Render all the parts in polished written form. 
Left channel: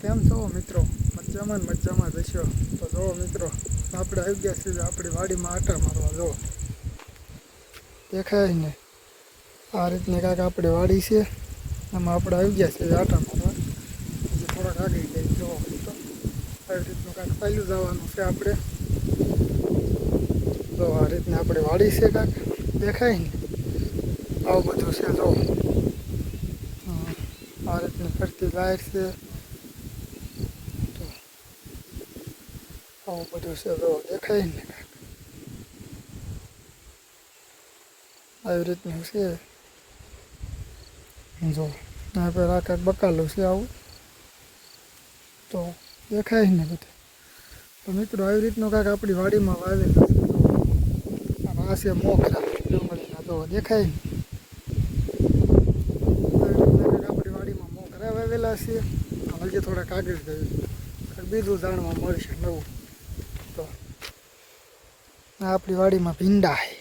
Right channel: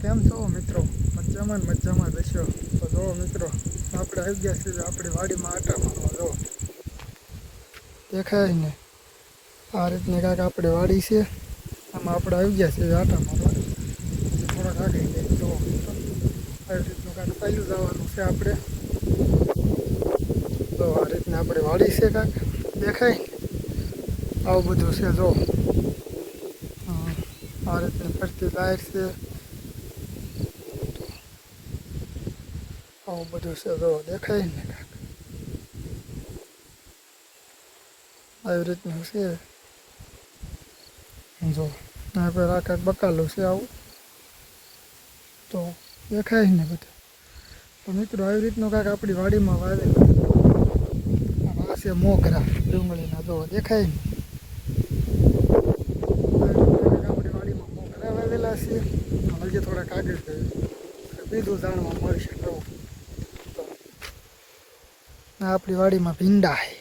કેમ છો મિત્રો? મજામાં રહેશો તો જો મિત્રો આપણે આવી ગયા છીએ આપણી વાડીમાં આટા મારવા. જો દેખાય ને આ રીતની કાંઈક આપણી વાડી છે. આમાં આપણે આવી ગયા છીએ આટા મારવા. હજી થોડાક આગળ જઈ જો મિત્રો આવી રીતનું કાંઈક પહેલું જવાનું છે આપણે. તો આ રીતની આપણી વાડી છે કાંઈક દેખાય ને આવું બધું છે. જો આ રીતની ફરતી લાઈટ છે. આવું બધું છે. જો દેખાય ને કાંઈક આવી રીતનું છે. જો આ પર આ કાંઈક બકાલું છે આવું તો દેખાય ને બધું. તો મિત્રો આવી રીતનું કાંઈક આપણી વાડીમાં વાવેલું આ છે મોગરા ડુંગળીના. જો દેખાય ને આવી રીતના કાંઈક આપણી વાડીમાં મોગરા વાવેલા છે. હજી થોડાક આગળ જઈએ બીજું જાણવા મળશે નવું. તો આપણી વાડીમાં ભીંડા છે.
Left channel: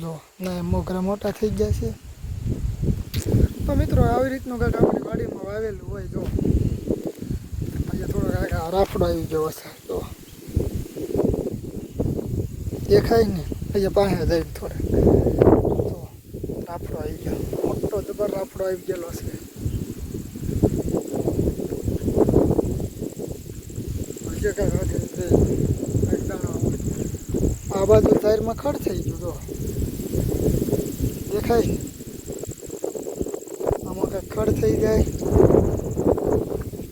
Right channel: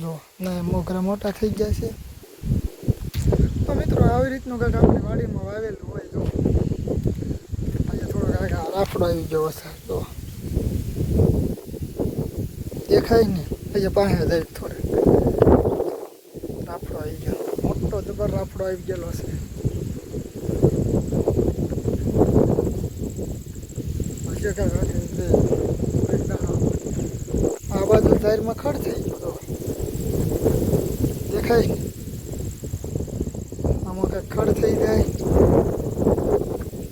જો ના મોગરા મોટા થઈ ગયા છે. તો મિત્રો આવી રીતનું કંઈક આપણી વાડીમાં વાવેલું હોય. જો અહીંયા થોડોક આગળ રાફડો આવી ગયો હશે. તો દેખાય ને અહીંયા પાસે જાય થોડાક રાફડો આવી ગયો. મોટો જબર રાફડો આવી ગયેલો છે. હજી કાંઈક આગળ આ બાજુ સાઈડમાં ખડ થઈ ગયો. દેખાય ને આમાં કાંઈક ખડ થઈ જાય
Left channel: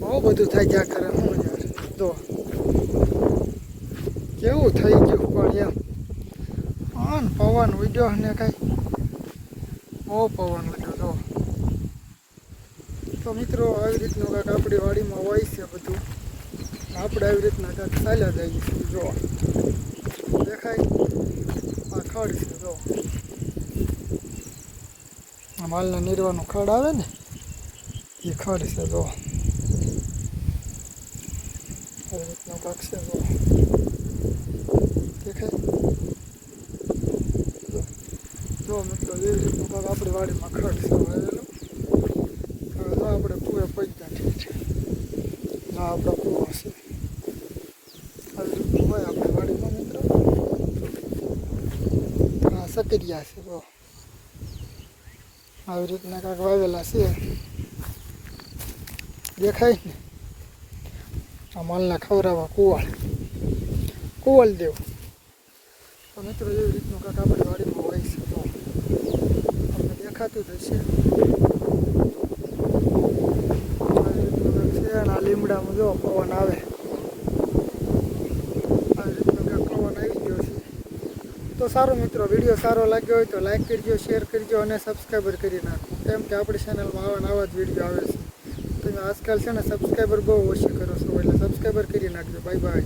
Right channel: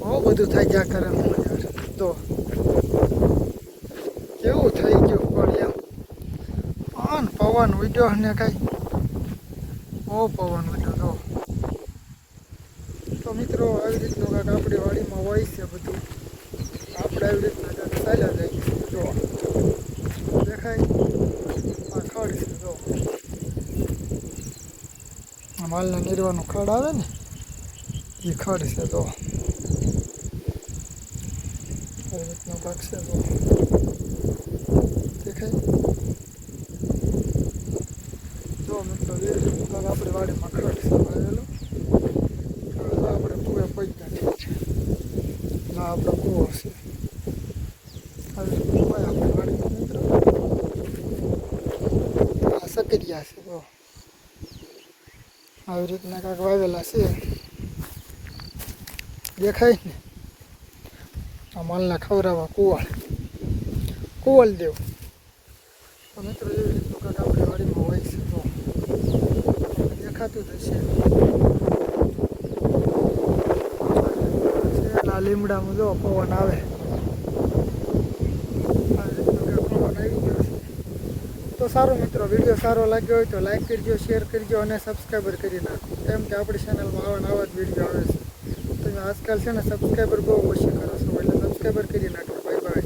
બહુ બધું થાય જ્યાં કરે. હું યાર જો કેવું થઈ ગયું પણ એમ પવન ઉડ્યો ને કાંઈ બહુ પવન ઉડ્યો. જો તો મિત્રો આવી રીતનું કાંઈક આપણી વાડીમાં હોય છે બધું. આપણે આવી રીતના કાંઈક ચાલ્યા જઈએ છીએ. જો દેખાય આ ખડ છે. જો આ માલને નીરવાનું ખડ આવે ને એ ખડ છે. જો આવી રીતનું કાંક છે. જો દેખાય. જો મિત્રો એવી રીતનું કાંક આપણી વાડીમાં ખડ છે વાવેલું. આપણે કૂવે પૈસા છે ના આપણા કૂવો છે. આવી રીતનું હોય આપણી વાડીમાં મિત્રો. આ સકરિયા છે. જો આવી રીતના કાંઈક વાવેલા છે. દેખાય ને આ માલને ખવડાવવા કુવળ દેવું. તો મિત્રો એવી રીતનું કાંઈક આપણી વાડીમાં હોય છે. તો તમને દેખાતું જ હશે. આ લીમડામાં જો પવન આવે આવી રીતનું કાંઈક પવન આવી ગયો છે. તો સારું મિત્રો વિડીયો સારો લાગ્યો હોય તો લાઈક કરજો, શેર કરજો અને સબસ્ક્રાઈબર કરી નાખો. કેમ કે આપણી ચેનલમાં આવા જ વિડીયો આવે છે. તમે આજકાલ છે ને સબસ્ક્રાઈબર બહુ ઓછી કરો છો એટલે સબસ્ક્રાઈબર કરી નાખો. Bye bye.